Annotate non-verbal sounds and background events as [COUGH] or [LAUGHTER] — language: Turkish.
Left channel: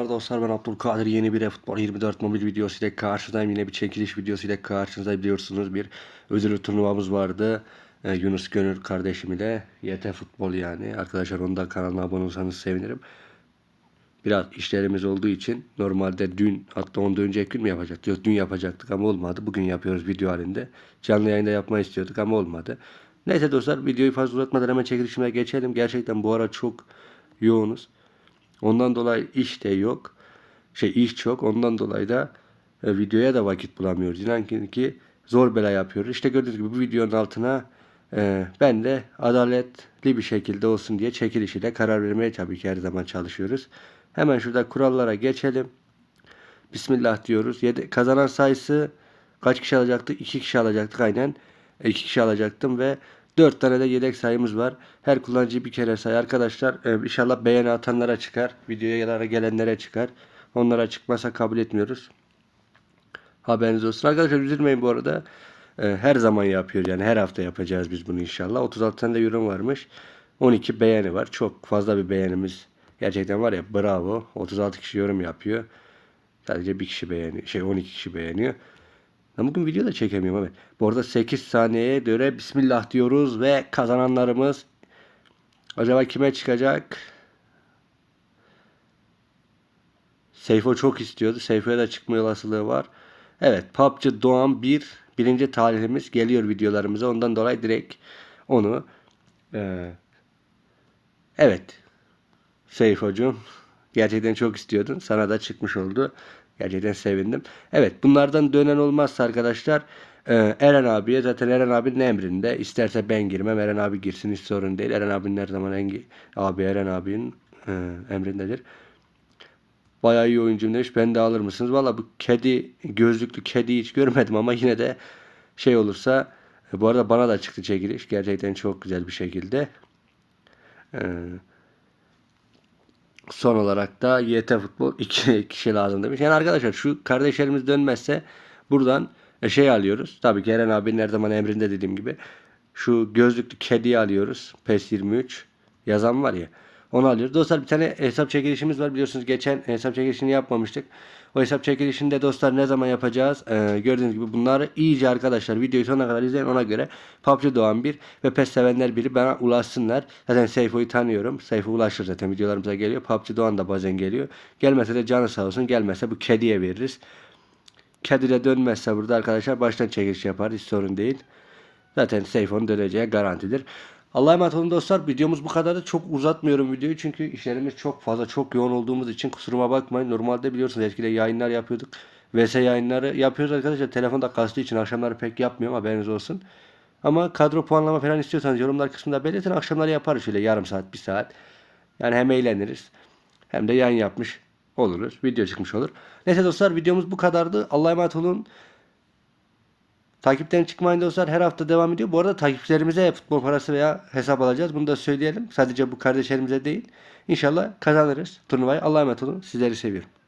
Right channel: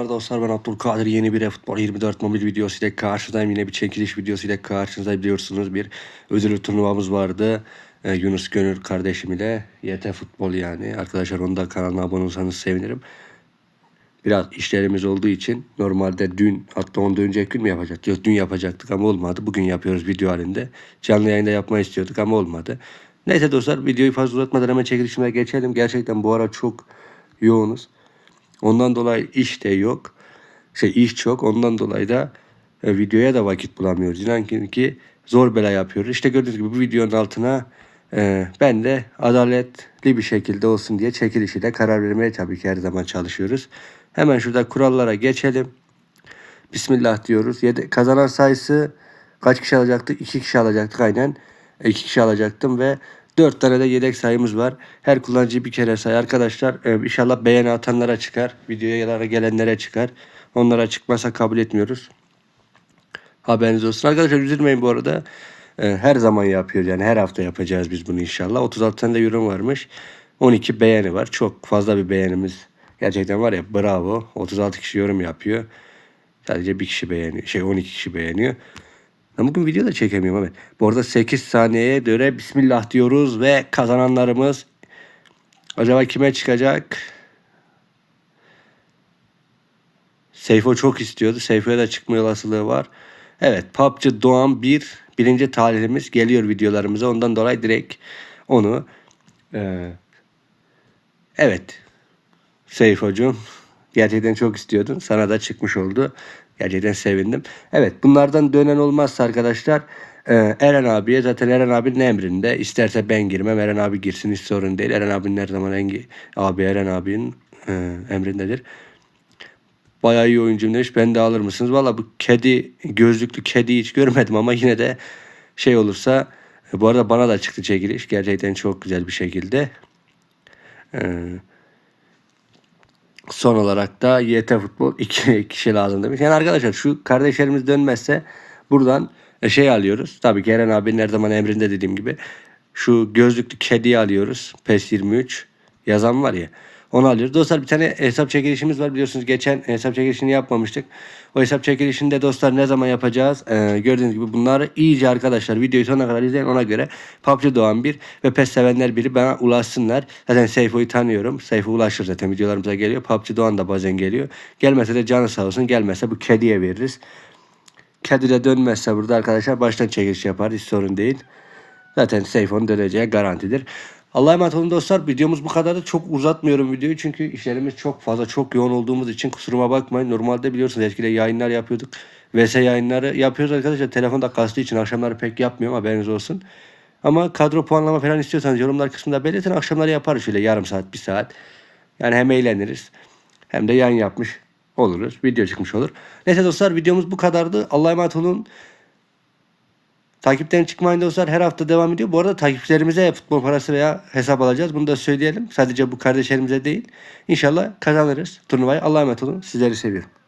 Merhabalar dostlar ben Abdülkadir. Yeni bir futbol 24 mobil videosu ile karşınızdayım. Yine bir çekiliş videosu ile karşınızda biliyorsunuz bir ödüllü turnuvamız vardı. Ee, Yunus Gönül kardeşim ile YT Futbol yani. Arkadaşlar onu da kanalına abone olursanız sevinirim. Biraz işlerimiz olduğu için normalde dün hatta ondan önceki gün mü yapacaktık? Dün yapacaktık ama olmadı. Bugün yapıyoruz video halinde. Canlı yayında yapmayı istiyorduk ama olmadı. Neyse dostlar videoyu fazla uzatmadan hemen çekilişime geçelim. Gerçekten bu ara çok yoğunuz Ondan dolayı iş de yok. Şey iş çok. Ondan dolayı da e, videoya da vakit bulamıyoruz. İnan ki, zor bela yapıyoruz. İşte gördüğünüz gibi bu videonun altına e, ben de adaletli bir şekilde olsun diye çekilişiyle karar vermeye tabii ki her zaman çalışıyoruz. Hemen şurada kurallara geçelim. Bismillah diyoruz. Yedi, kazanan sayısı kaç kişi alacaktık? İki kişi alacaktık aynen. İki kişi alacaktım ve dört tane de yedek sayımız var. Her kullanıcı bir kere say arkadaşlar. Ee, inşallah beğeni atanlara çıkar. Videoya gelenlere çıkar. Onlara çıkmasa kabul etmiyoruz. Haberiniz olsun. Arkadaşlar üzülmeyin bu arada. Ee, her zaman yapıyor yani her hafta yapacağız biz bunu inşallah. 36 tane de yorum varmış. 12 beğeni var. Çok fazla bir beğenimiz. Gerçekten var ya bravo. 36 kişi yorum yapıyor. Sadece bir kişi beğeniyor. Şey 12 kişi beğeniyor. Ben bugün video da çekemiyorum evet. Bu arada 8 saniyeye göre Bismillah diyoruz ve kazananlarımız acaba kime çıkacak? Seyfo çok istiyordu. Seyfo'ya da çıkma olasılığı var. Evet PUBG Doğan 1 birinci talihimiz geliyor videolarımıza. Ondan dolayı direkt onu e, evet Seyfo'cum gerçekten çok istiyordun. Sana da çıkmış oldu. Gerçekten sevindim. Evet bunlardan dönen olmazsa arkadaşlar e, Eren abiye zaten Eren abinin emrinde. İsterse ben girmem Eren abi girsin hiç sorun değil. Eren abinin her zaman en, abi Eren abinin e, emrindedir. Bayağı iyi oyuncum demiş. Ben de alır mısınız? Valla bu kedi gözlüklü kedi hiç görmedim ama yine de şey olursa e, bu arada bana da çıktı çekiliş. Gerçekten çok güzel bir şekilde. Eee Son olarak da YT Futbol [LAUGHS] iki kişi lazım demiş. Yani arkadaşlar şu kardeşlerimiz dönmezse buradan e, şey alıyoruz. Tabii ki Eren abinin her zaman emrinde dediğim gibi. Şu gözlüklü kediyi alıyoruz. PES 23 yazan var ya. Onu alıyoruz. Dostlar bir tane hesap çekilişimiz var. Biliyorsunuz geçen hesap çekilişini yapmamıştık. O hesap çekilişini de dostlar ne zaman yapacağız? Ee, gördüğünüz gibi bunları iyice arkadaşlar videoyu sonuna kadar izleyin ona göre PUBG Doğan 1 ve PES sevenler biri bana ulaşsınlar. Zaten Seyfo'yu tanıyorum. Seyfo ulaşır zaten videolarımıza geliyor. PUBG Doğan da bazen geliyor. Gelmese de canı sağ olsun. Gelmezse bu kediye veririz. Kedi de dönmezse burada arkadaşlar baştan çekiliş yapar. Hiç sorun değil. Zaten Seyfo'nun döneceği garantidir. Allah'a emanet olun dostlar. Videomuz bu kadardı. Çok uzatmıyorum videoyu çünkü işlerimiz çok fazla, çok yoğun olduğumuz için kusuruma bakmayın. Normalde biliyorsunuz eskiden yayınlar yapıyorduk. VS yayınları yapıyoruz arkadaşlar. Telefonda kastığı için akşamları pek yapmıyorum haberiniz olsun. Ama kadro puanlama falan istiyorsanız yorumlar kısmında belirtin. Akşamları yaparız şöyle yarım saat, bir saat. Yani hem eğleniriz hem de yayın yapmış oluruz. Video çıkmış olur. Neyse dostlar videomuz bu kadardı. Allah'a emanet olun. Takipten çıkmayın dostlar. Her hafta devam ediyor. Bu arada takipçilerimize futbol parası veya hesap alacağız. Bunu da söyleyelim. Sadece bu kardeşlerimize değil. İnşallah kazanırız turnuvayı. Allah'a emanet olun. Sizleri seviyorum.